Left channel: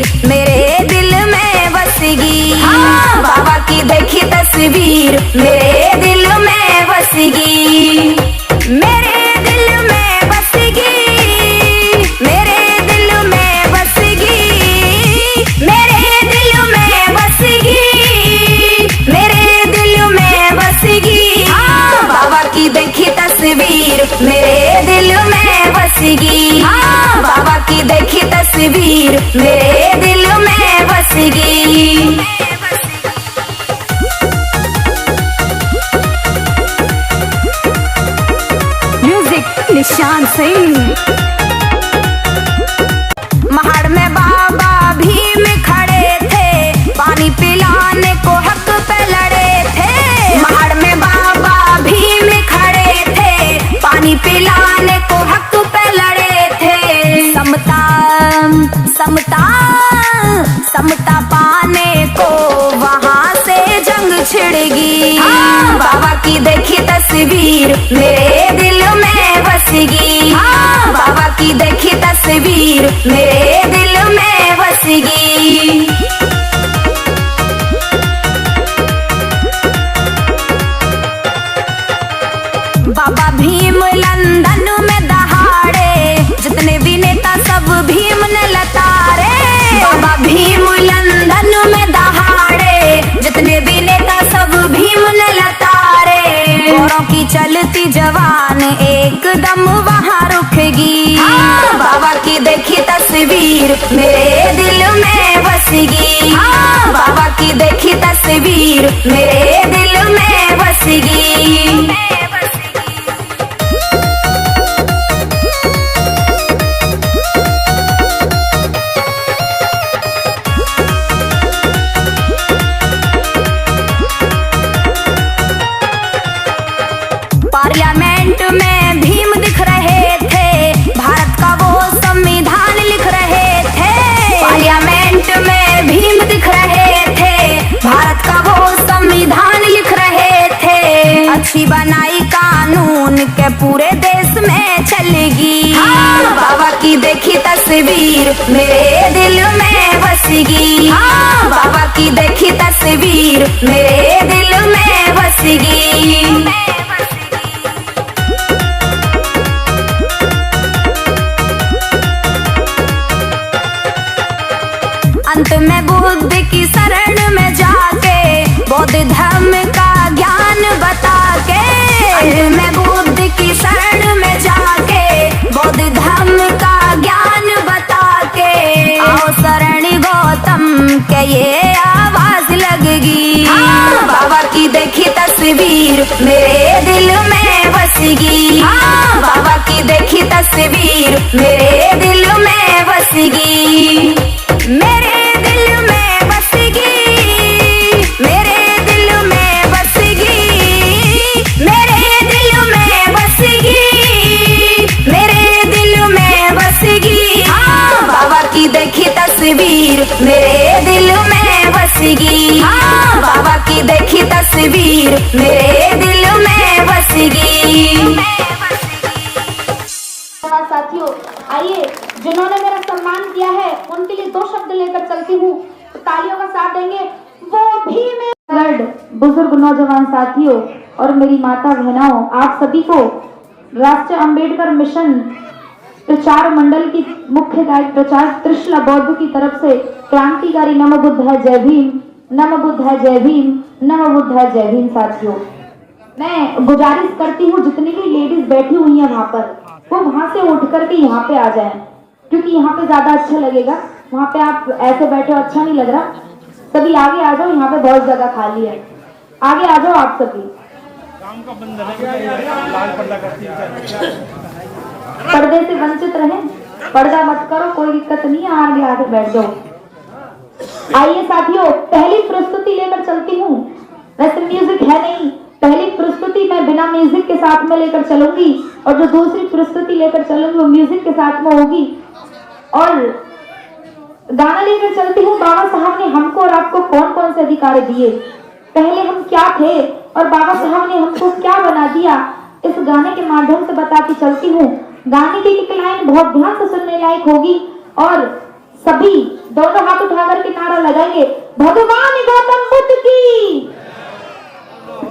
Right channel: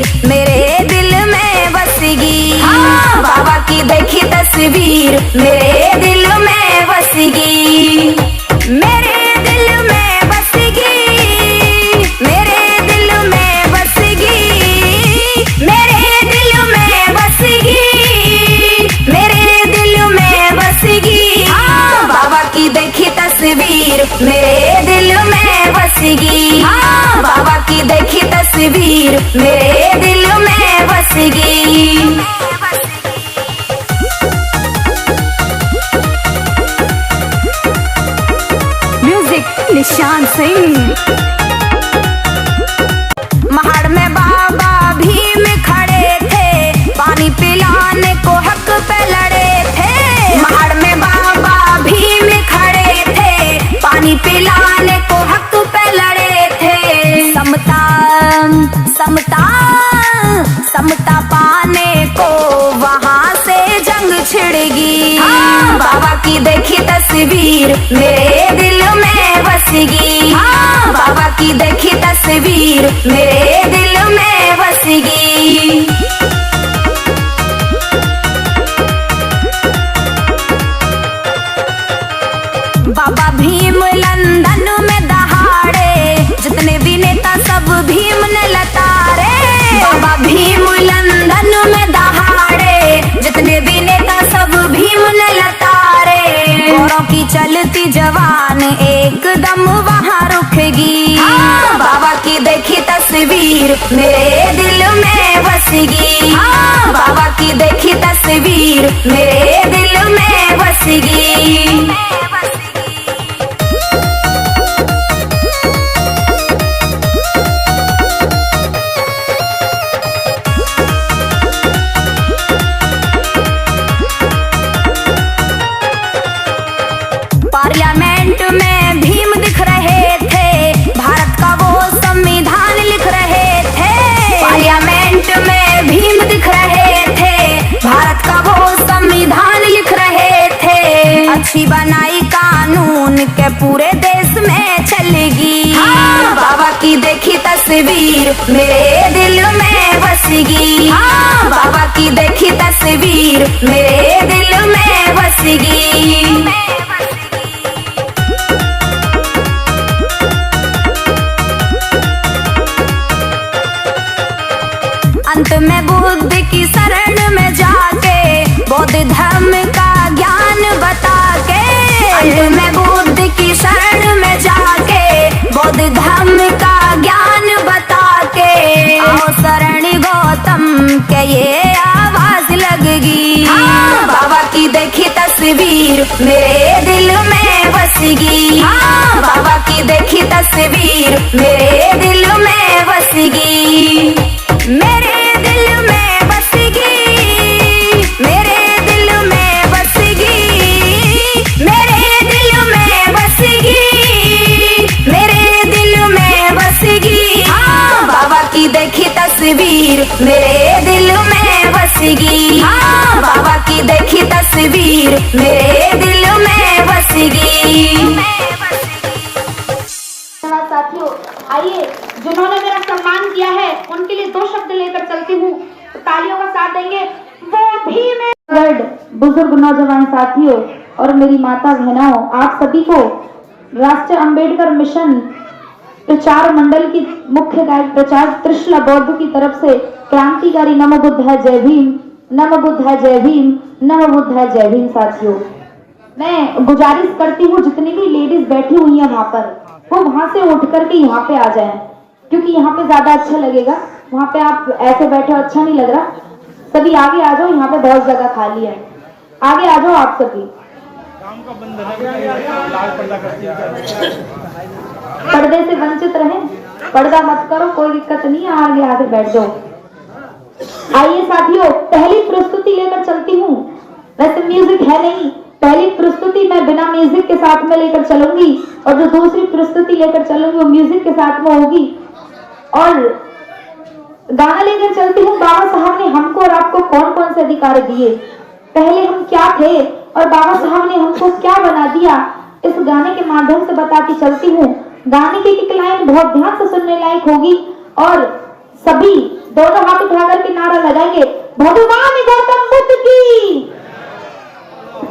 तस्वीर मेरे दिल में बसेगी। हाँ, बाबा की देखी तस्वीर मेरे दिल में बसेगी। मेरे दिल में बसेगी, मेरे दिल में बसेगी, मेरे दिल में बसेगी, मेरे दिल में बसेगी। हाँ, बाबा की देखी तस्वीर मेरे दिल में बसेगी। हाँ, बाबा की देखी तस्वीर मेरे दिल में बसेगी। म्यूजिक निशान सिंह। महाड़ में बाबा भीम खड़े थे, पानी पिलाने को हक पे लड़े थे। महाड़ में बाबा भीम खड़े थे, पानी पिलाने को हक पे लड़े थे। समता समता समता पाने को वहाँ से जंग छिड़ेगी। हाँ, बाबा की देखी तस्वीर मेरे दिल में बसेगी। हाँ, बाबा की देखी तस्वीर मेरे दिल में बसेगी। बाबा भीम लंदन में दहाड़े, जितने भी नेता सब भीम ने लतारे। बाबा भीम लंदन में दहाड़े, जितने भी नेता सब भीम ने लतारे। गोरों की चलती जवान एकदम वहाँ रुकेगी। हाँ, बाबा की देखी तस्वीर मेरे दिल में बसेगी। हाँ, बाबा की देखी तस्वीर मेरे दिल में बसेगी। पार्लियामेंट में भीम दिख रहे थे, भारत का वो संविधान लिख रहे थे। पार्लियामेंट में भीम दिख रहे थे, भारत का वो संविधान लिख रहे थे। अच्छी बनाई कानून के पूरे देश में चलेगी। हाँ, बाबा की देखी तस्वीर मेरे दिल में बसेगी। हाँ, बाबा की देखी तस्वीर मेरे दिल में बसेगी। अंत में बुद्ध की शरण में जाके बौद्ध धर्म का ज्ञान बता के। अंत में बुद्ध की शरण में जाके बौद्ध धर्म का ज्ञान बता के। आओ शरणी गौतम के ये आवाज लगेगी। हाँ, बाबा की देखी तस्वीर मेरे दिल में बसेगी। हाँ, बाबा की देखी तस्वीर मेरे दिल में बसेगी। मेरे दिल में बसेगी, मेरे दिल में बसेगी, मेरे दिल में बसेगी, मेरे दिल में बसेगी। हाँ, बाबा की देखी तस्वीर मेरे दिल में बसेगी। हाँ, बाबा की देखी तस्वीर मेरे दिल में बसेगी। साथियों, आइए, जिन्होंने मेरा सम्मान किया है उनके लिए दो शब्द लेकर चलती हूँ, तो तालियों का साथ देंगे। वो भी मैं बुजुर्ग नौजवान साथियों और मेरी माता बहनों, आप सभी को राष्ट्रीय अंबेडकर मिशन प्रचार मंडल की मुख्य गायक प्रचार त्रिशला बौद्ध की तरफ से क्रांतिकारी नमो बुद्ध है जय भीम, नमो बुद्ध है जय भीम, नमो बुद्ध है जय भीम। साथियों, मैं गुजारिश करती हूँ जितनी भी लेडीज बैठी हुई है वहां पर, वो वहां से उठ करके यहाँ पे आ जाएं, क्योंकि यहाँ पे ज्यादा अच्छा लगेगा। वहाँ पे आप ऐसे बैठे हो अच्छा नहीं लग रहा। सभी आगे आ जाओ, यहाँ पे बहुत जगह खाली है, आगे आ जाओ आप सभी। पर्दे से वंचित रहें, पर्दा मत करो, कोई दिक्कत नहीं है, आगे आगे बैठ जाओ। आइए साथियों, पहली प्रस्तुति लेकर चलती हूँ। वैसे म्यूजिक है नहीं, पहली प्रस्तुति मैं बिना म्यूजिक के साथ में लेकर चलूंगी और जो दूसरी प्रस्तुति लेकर चलूंगी वो म्यूजिक के साथ में होगी। और गाना लेकर चलती हूँ, बाबा साहब ने हमको और आपको कौन कौन से अधिकार दिए, पहले हम क्या थे और बाबा साहब ने हमको क्या बना दिया, इस गाने के माध्यम से बताती चलती हूँ। गाने की एक लाइन बहुत ध्यान से सुनने लायक होगी और सभी दोनों हाथ उठा करके नारा लगाएंगे, भगवान गौतम बुद्ध की,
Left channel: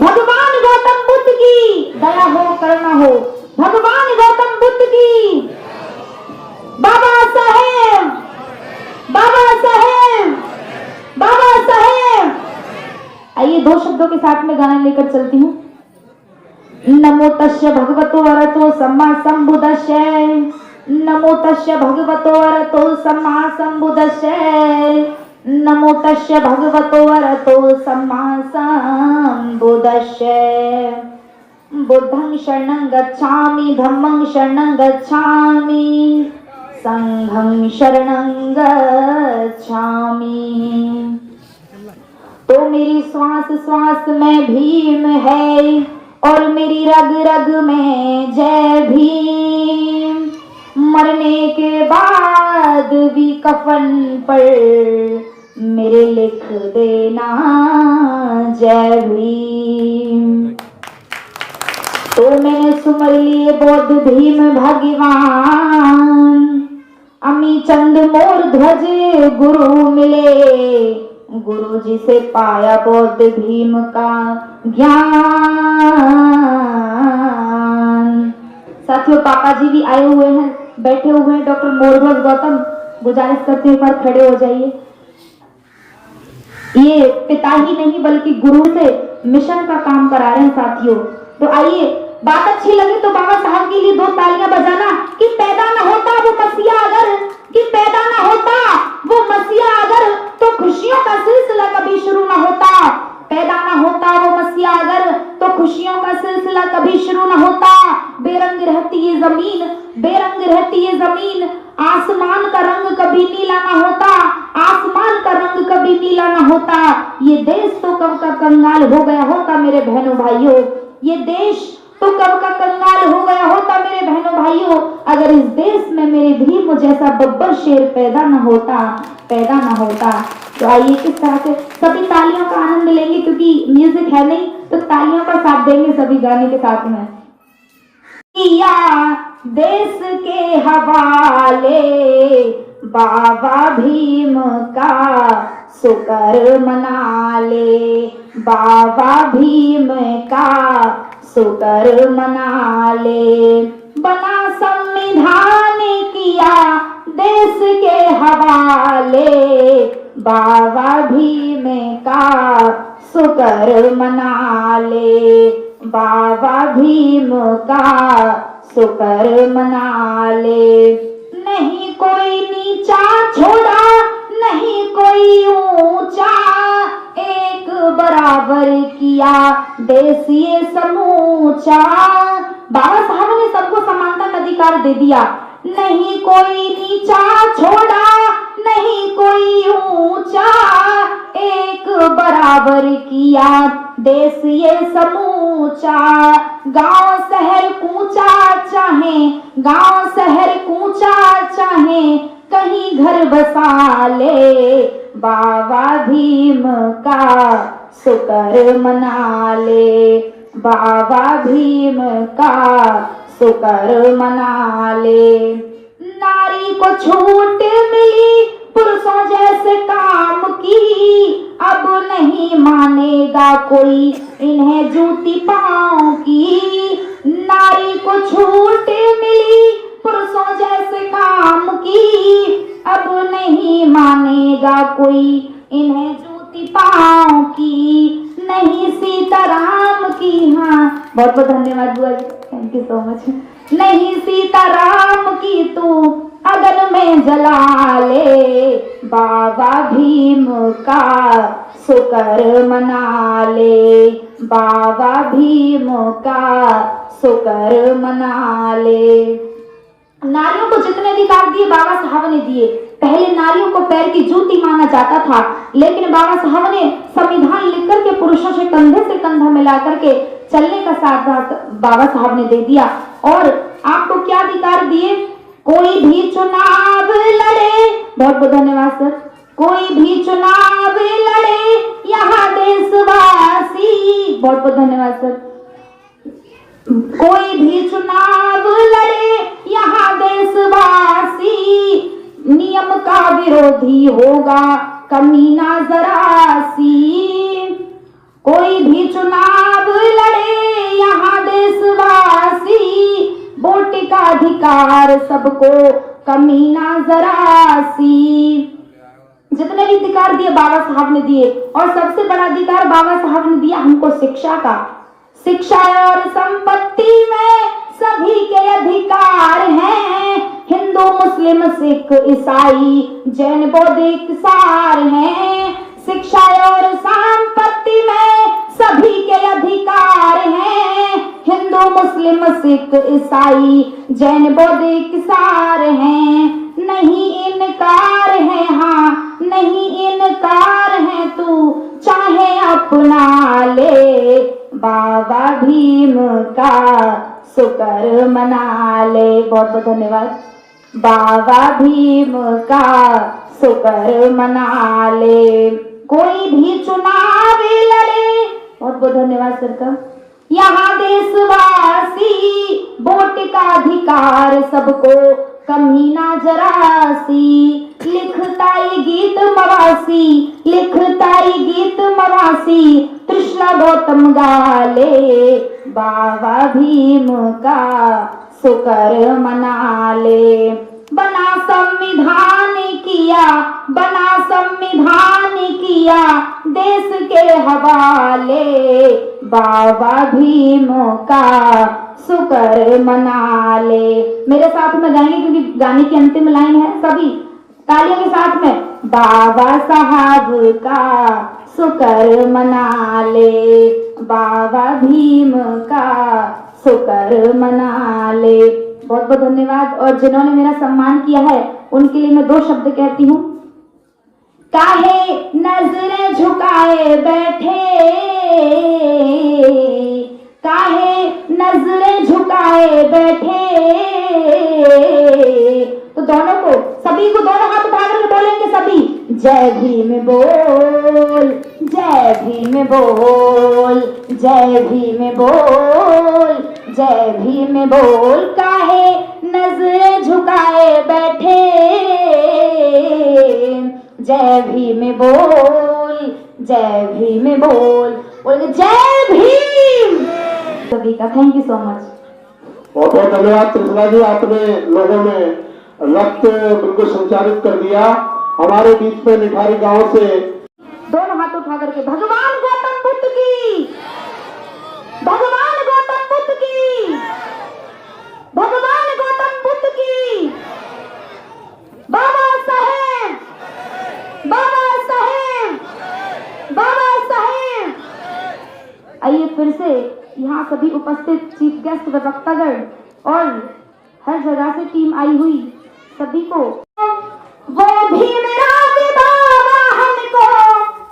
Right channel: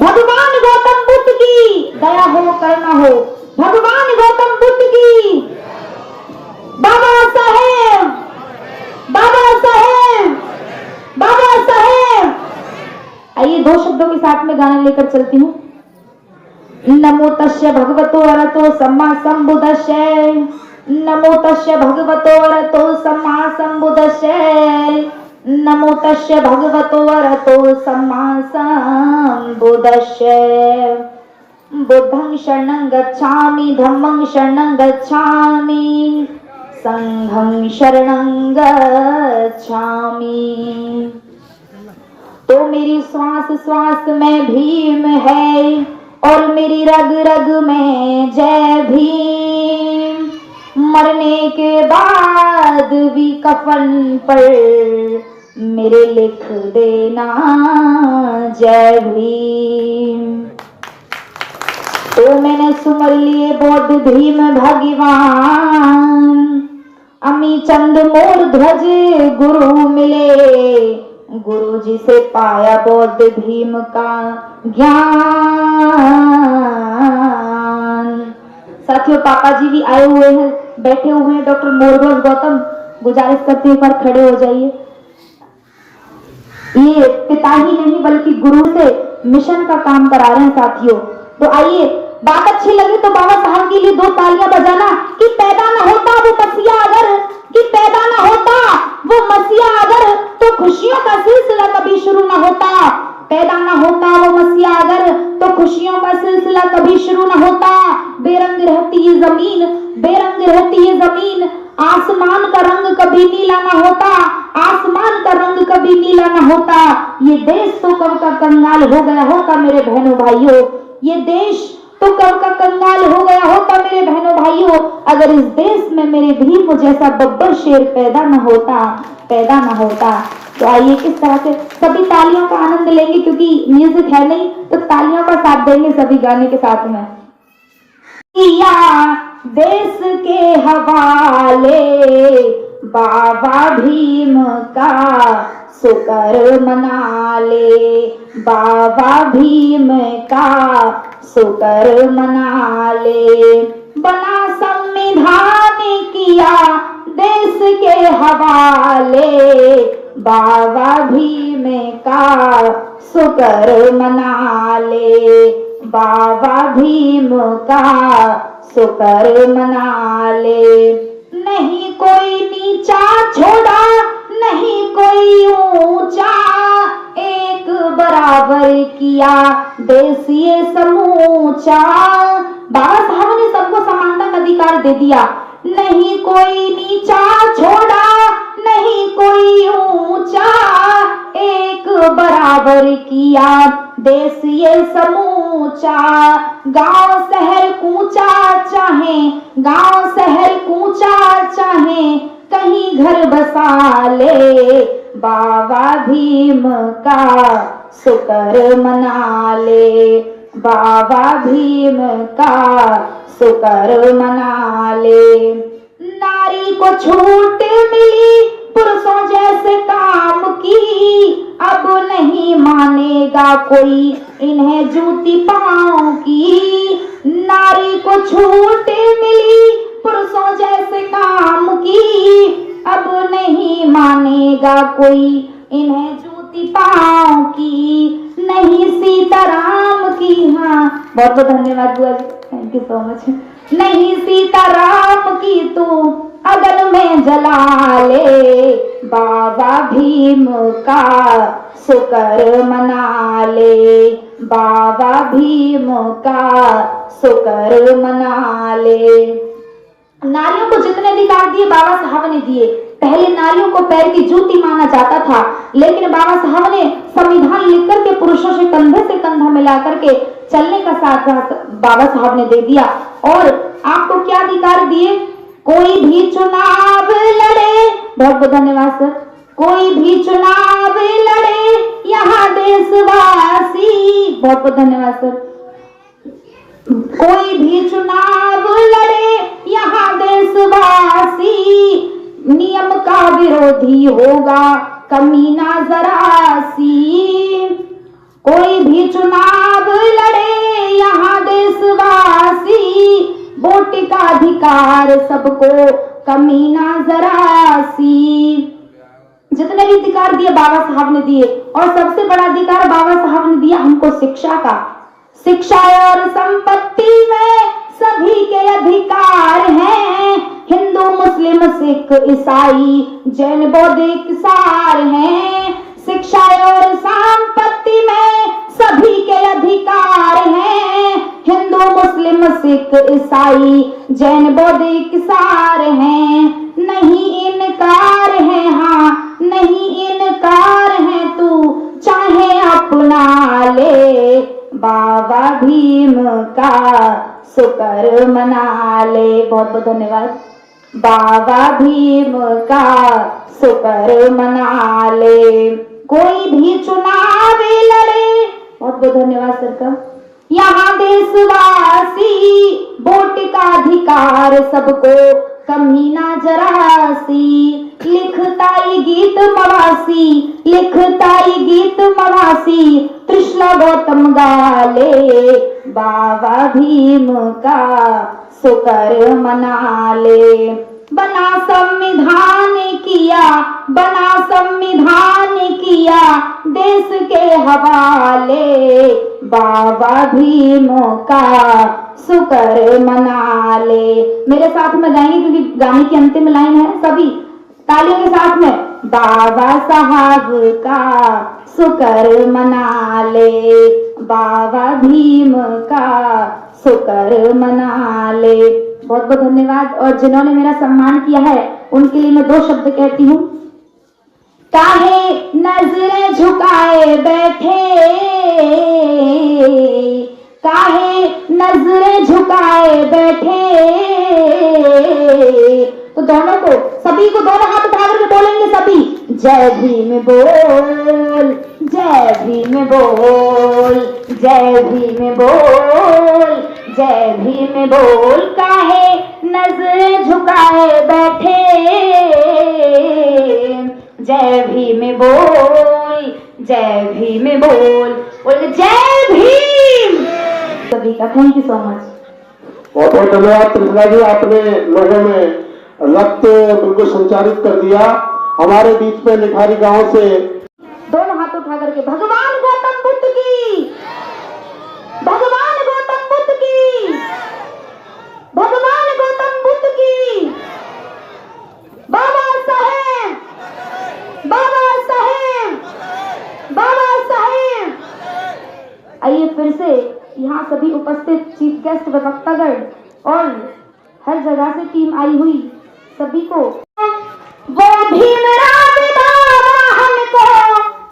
भगवान गौतम बुद्ध की दया हो करुणा हो, भगवान गौतम बुद्ध की, बाबा साहेब, बाबा साहेब, बाबा साहेब। आइए 2 शब्दों के साथ में गाना लेकर चलती हूँ। नमो तस्य भगवतो अरहतो सम्मा संबुद्धस्सै, नमो तस्य भगवतो अरहतो सम्मा संबुद्धस्सै, नमो तस्य भगवतो अरहतो सम्मा संबुद्धस्सै। बुद्धं शरणं गच्छामि, धम्मं शरणं गच्छामि, संघं शरणं गच्छामि। तो मेरी श्वास श्वास में भीम है और मेरी रग रग में जय भीम। मरने के बाद भी कफन पर मेरे लिख देना जय भीम। तो मैंने सुमर लिए बौद्ध भीम भगवान, अमी चंद मोर ध्वज गुरु मिले, गुरु जी से पाया बौद्ध भीम का ज्ञान। साथियों पापा जी भी आए हुए हैं, बैठे हुए हैं। डॉक्टर मोरध्वज गौतम, गुजारिश करते हैं एक बार खड़े हो जाइए। ये पिता ही नहीं बल्कि गुरु से मिशन का काम करा रहे हैं साथियों। तो आइए, बात अच्छी लगी तो बाबा साहब के लिए 2 तालियां बजाना। कि पैदा ना होता वो मसीहा अगर, कि पैदा ना होता वो मसीहा अगर, तो खुशियों का सिलसिला कभी शुरू ना होता। पैदा ना होता वो मसीहा अगर, तो खुशियों का सिलसिला कभी शुरू ना होता। बेरंग रहती ये जमीन, बेरंग रहती ये जमीन, आसमान का रंग कभी नीला ना होता, आसमान का रंग कभी नीला ना होता। ये देश तो कब का कंगाल हो गया होता मेरे बहनों भाइयों, ये देश तो कब का कंगाल हो गया होता मेरे बहनों भाइयों, अगर इस देश में मेरे भीम जैसा बब्बर शेर पैदा न होता, पैदा न होता। तो आइए किस तरह से सभी तालियों का आनंद लेंगे, क्योंकि म्यूजिक है नहीं तो तालियों का साथ देंगे सभी गाने के साथ में। किया देश के हवाले बाबा भीम का शुक्र मना ले, बाबा भीम का शुक्र मना ले। बना संविधान किया देश के हवाले, बाबा भीम का शुक्र मना ले, बाबा भीम का शुक्र मना ले। नहीं कोई नीचा छोड़ा, नहीं कोई ऊंचा, एक बराबर किया देश ये समूचा। बाबा साहब ने सबको समानता का अधिकार दे दिया। नहीं कोई नीचा छोड़ा, नहीं कोई ऊंचा, एक बराबर किया देश ये समूचा। गांव शहर कूचा चाहे, गांव शहर कूचा चाहे, कहीं घर बसा ले, बाबा भीम का शुक्र मना ले, बाबा भीम का शुक्र मना ले। नारी को छूट मिली पुरुषों जैसे काम की, अब नहीं मानेगा कोई इन्हें जूती पांव की। नारी को छूट मिली पुरुषों जैसे काम की, अब नहीं मानेगा कोई इन्हें जूती पांव की। नहीं सीताराम की, हाँ बहुत बहुत धन्यवाद बुआ जी, थैंक यू सो मच। नहीं सीताराम की तू अगन में जला ले, बाबा भीम का शुक्र मना ले, बाबा भीम का शुक्र मना ले। नारियों को जितने अधिकार दिए बाबा साहब ने दिए। पहले नारियों को पैर की जूती माना जाता था, लेकिन बाबा साहब ने संविधान लिख करके पुरुषों से कंधा मिला करके चलने का साथ बाबा साहब ने दे दिया। और आपको क्या अधिकार दिए? कोई भी चुनाव लड़े, बहुत बहुत धन्यवाद सर, कोई भी चुनाव लड़े यहाँ देशवासी, बहुत बहुत धन्यवाद सर। कोई भी चुनाव लड़े यहाँ देशवासी, नियम का विरोधी होगा कमीना जरा सी। कोई भी चुनाव लड़े यहाँ देशवासी, वोट का अधिकार सबको कमीना जरा सी। जितने भी अधिकार दिए बाबा साहब ने दिए, और सबसे बड़ा अधिकार बाबा साहब ने दिया हमको शिक्षा का। शिक्षा और संपत्ति में सभी के अधिकार हैं, हिंदू मुस्लिम सिख ईसाई जैन बौद्धिक सार हैं। शिक्षा और संपत्ति में सभी के अधिकार हैं, हिंदू मुस्लिम सिख ईसाई जैन बौद्धिक सार हैं। नहीं इनकार है, हाँ नहीं इनकार है, तू चाहे अपना ले, बाबा भीम का शुक्र मना ले। बहुत बहुत धन्यवाद। बाबा भीम का शुक्र मना ले, कोई भी चुनाव लड़े। बहुत बहुत धन्यवाद सर का। यहाँ देशवासी, वोट का अधिकार सबको कमीना जरा सी। लिखताई गीत मवासी, लिखताई गीत मवासी, त्रिशला गौतम गाले, बाबा भीम का शुक्र मना ले। बना संविधान किया, बना संविधान किया देश के हवाले, बाबा भीम का शुक्र मना ले। मेरे साथ में गाएंगे क्योंकि गाने की अंतिम लाइन है, सभी तालियों के साथ में। बाबा साहब का शुक्र मना ले, बाबा भीम का शुक्र मना ले। बहुत बहुत धन्यवाद। और जिन्होंने मेरा सम्मान किया है उनके लिए मैं 2 शब्द कहती हूँ। काहे नजरें झुकाए बैठे, काहे नजरें झुकाए बैठे। तो दोनों को, सभी को दोनों हाथ उठा करके बोलेंगे सभी, जय भीम बोल, जय भीम बोल, जय भीम बोल, जय भीम बोल। काहे नजर झुकाए बैठे, जय भीम बोल, जय भीम बोल, बोल जय भीम। सभी का थैंक यू सो मच। बहुत बहुत धन्यवाद त्रिपुरा जी, आपने लोगों में रक्त बिल्कुल संचारित कर दिया। हमारे बीच में निठारी गांव से दोनों हाथ उठा करके भगवान गौतम बुद्ध की, भगवान गौतम बुद्ध की, भगवान गौतम बुद्ध की, बाबा साहेब, बाबा साहेब, बाबा साहेब। आइए फिर से यहाँ सभी उपस्थित चीफ गेस्ट वक्तागण और हर जगह से टीम आई हुई सभी को, वो भीमराव बाबा हमको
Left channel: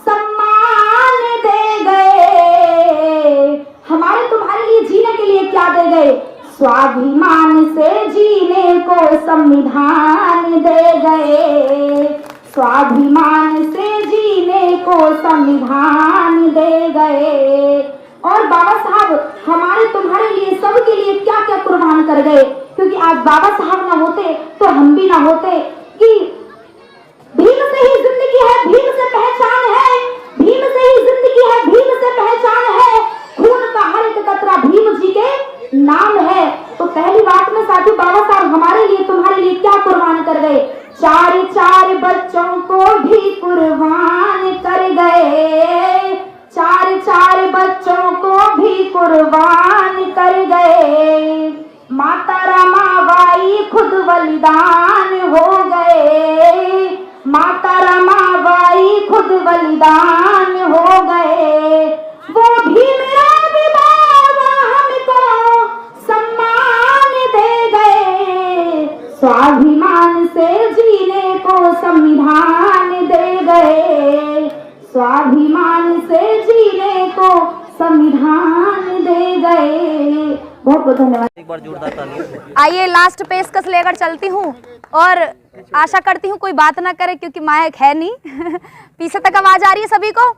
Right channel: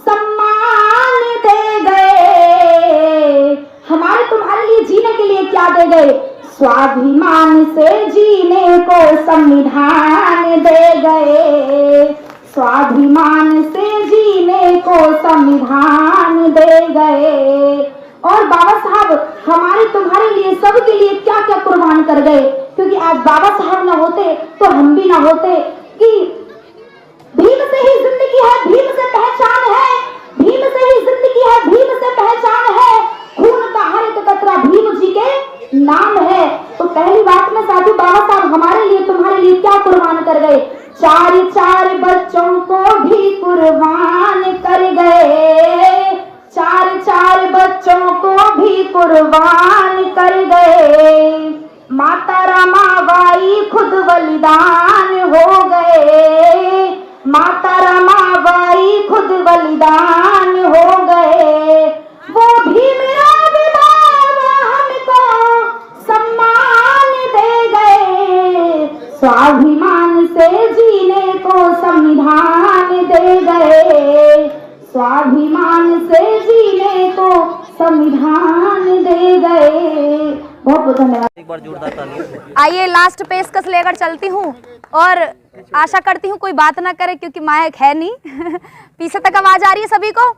सम्मान दे गए। हमारे तुम्हारे लिए जीने के लिए क्या दे गए? स्वाभिमान से जीने को संविधान दे गए, स्वाभिमान से जीने को संविधान दे गए। और बाबा साहब हमारे तुम्हारे लिए सबके लिए क्या क्या कुर्बान कर गए, क्योंकि आज बाबा साहब ना होते तो हम भी ना होते। कि भीम से ही जिंदगी है, भीम से पहचान है, भीम से ही जिंदगी है, भीम से पहचान है, खून का हर एक कतरा भीम जी के नाम है। तो पहली बात में साथी, बाबा साहब हमारे लिए तुम्हारे लिए क्या कुर्बान कर गए? 4 बच्चों को भी कुर्बान कर गए, 4 बच्चों को भी कुर्बान कर गए। माता रमाबाई खुद बलिदान हो गए, माता रमाबाई खुद बलिदान हो गए। वो भीमराव बाबा हमको सम्मान दे गए, स्वाभिमान से जीने को संविधान दे गए, स्वाभिमान से जीने को संविधान दे गए। बहुत बहुत धन्यवाद। एक बार जोरदार ताली। आइए लास्ट पेशकश लेकर चलती हूँ और आशा करती हूँ कोई बात ना करे क्योंकि माइक है नहीं। पीछे तक आवाज आ रही है सभी को?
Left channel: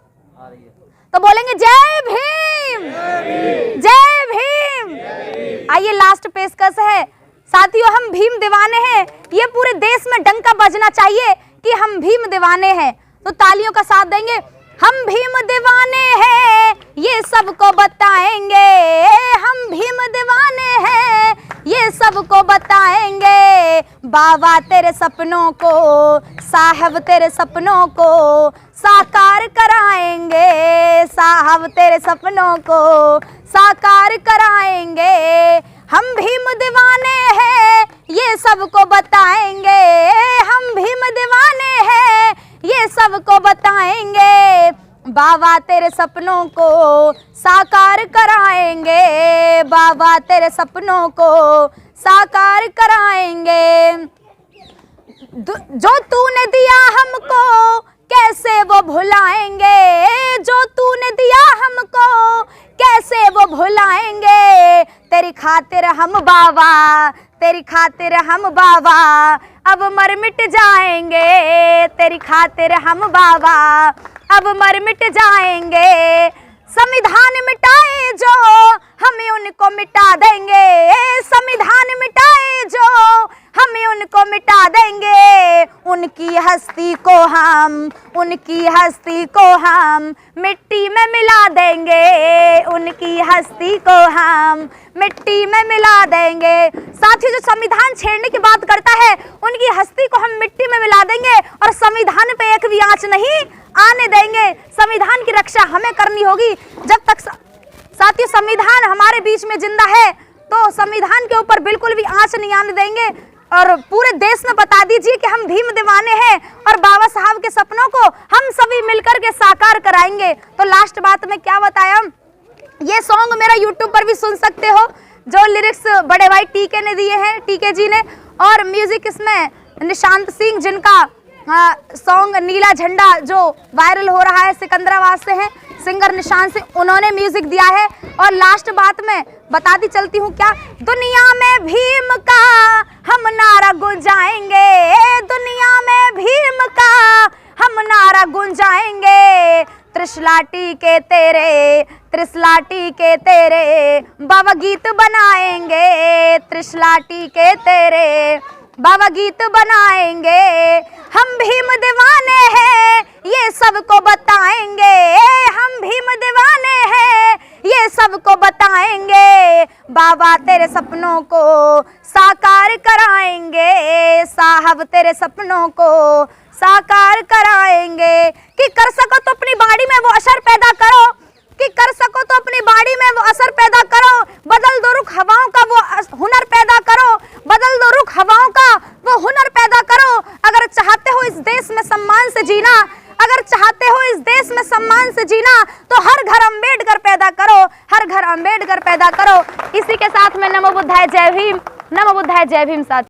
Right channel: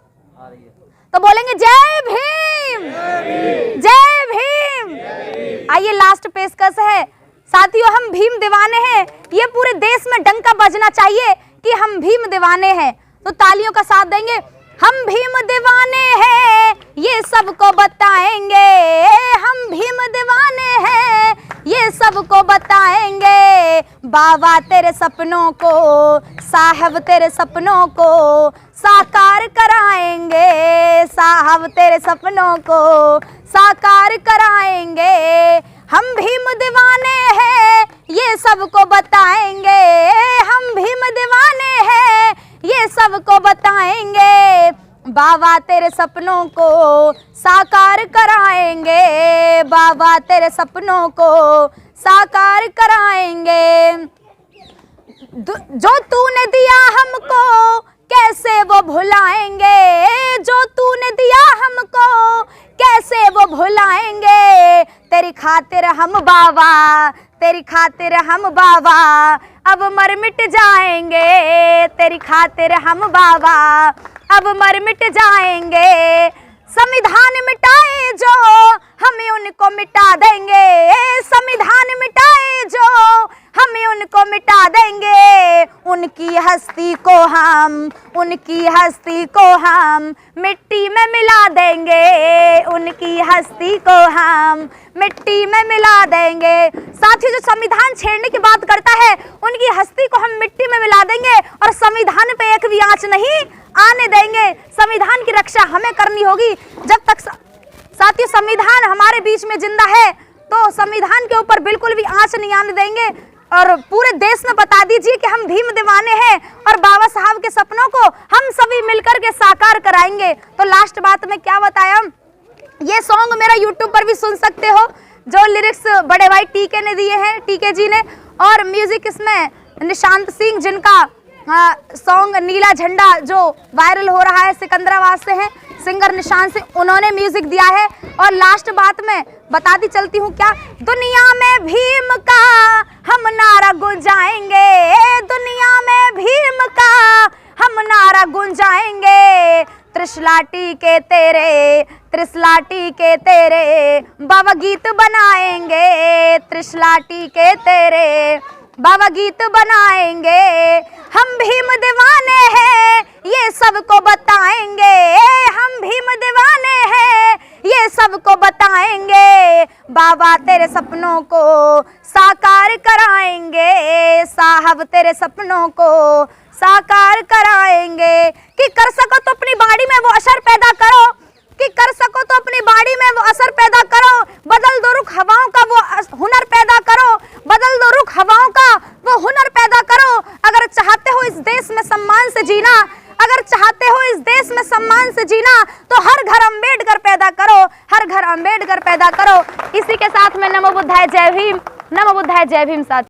तो बोलेंगे जय भीम, जय भीम। आइए लास्ट पेशकश है, साथियों, हम भीम दीवाने हैं, ये पूरे देश में डंका बजना चाहिए कि हम भीम दीवाने हैं। तो तालियों का साथ देंगे। हम भीम दीवाने हैं, ये सबको बताएंगे, हम भीम दीवाने हैं, ये सबको बताएंगे। बाबा तेरे सपनों को, साहब तेरे सपनों को साकार कराएंगे, साहब तेरे सपनों को साकार कराएंगे। हम भीम दीवाने हैं, ये सबको बताएंगे, हम भीम दीवाने हैं, ये सबको बताएंगे। बाबा तेरे सपनों को साकार कराएंगे, बाबा तेरे सपनों को साकार कराएंगे। जो तूने दिया हमको कैसे वो भुलाएंगे, जो तूने दिया हमको कैसे वो भुलाएंगे। तेरी खातिर हम बाबा, तेरी खातिर हम बाबा अब मर मिट जाएंगे, तेरी खातिर हम बाबा अब मर मिट जाएंगे। संविधान मिटाए जो हमें उनको मिटा देंगे, संविधान मिटाए जो हमें उनको मिटा देंगे। उनकी हस्ती को हम, उनकी हस्ती को हम मिट्टी में मिला देंगे, उनकी हस्ती को हम मिट्टी में मिला देंगे। साथियों, जो संविधान छेड़ने की बात करता है उनकी हस्ती को हम मिट्टी में मिला देंगे और संविधान पे एक भी आंच नहीं आने देंगे। संविधान की रक्षा हमें करनी होगी जब तक साथियों संविधान हमारे बीच में जिंदा है, तो संविधान के ऊपर बिल्कुल भी आंच नहीं आने देंगे। और पूरे देश में बता दीजिए कि हम भीम दीवाने हैं और बाबा साहब के सपनों को हम सभी मिलकर के साकार कराएंगे। तो लास्ट बात में क्या बताया, ये सॉन्ग मेरा यूट्यूब पर भी सुन सकते हो, जो लिरिक्स बड़े भाई टीके ने दिए हैं, टीके जी ने, और म्यूजिक इसमें निशांत सिंह, जिनका सॉन्ग नीला झंडा जो वायरल हो रहा है सिकंदराबाद से है, सिंगर निशांत सिंह, उन्होंने म्यूजिक दिया है। और लास्ट बात में बताती चलती हूँ क्या, दुनिया में भीम का हम नारा गुंजाएंगे, दुनिया में भीम का हम नारा गुंजाएंगे। त्रिशलाटी के तेरे, त्रिशलाटी के तेरे बाबा गीत बनाएंगे, त्रिशलाटी के तेरे बाबा गीत बनाएंगे। हम भीम दीवाने हैं, ये सबको बताएंगे, हम भीम दीवाने हैं, ये सबको बताएंगे। बाबा तेरे सपनों को साकार कराएंगे, साहब तेरे सपनों को साकार कराएंगे। कि कर सको तो अपनी बाड़ी में वो असर पैदा करो, कि कर सको तो अपनी बाड़ी में वो असर पैदा करो। बदल दो रुख हवाओं का वो हुनर पैदा करो, बदल दो रुख हवाओं का वो हुनर पैदा करो। अगर चाहते हो इस देश में सम्मान से जीना, अगर चाहते हो इस देश में सम्मान से जीना, तो हर घर अम्बेडकर पैदा करो, हर घर अम्बेडकर पैदा करो। इसी के साथ में नमो बुद्धाय जय भीम, नमो बुद्धाय जय भीम। साथ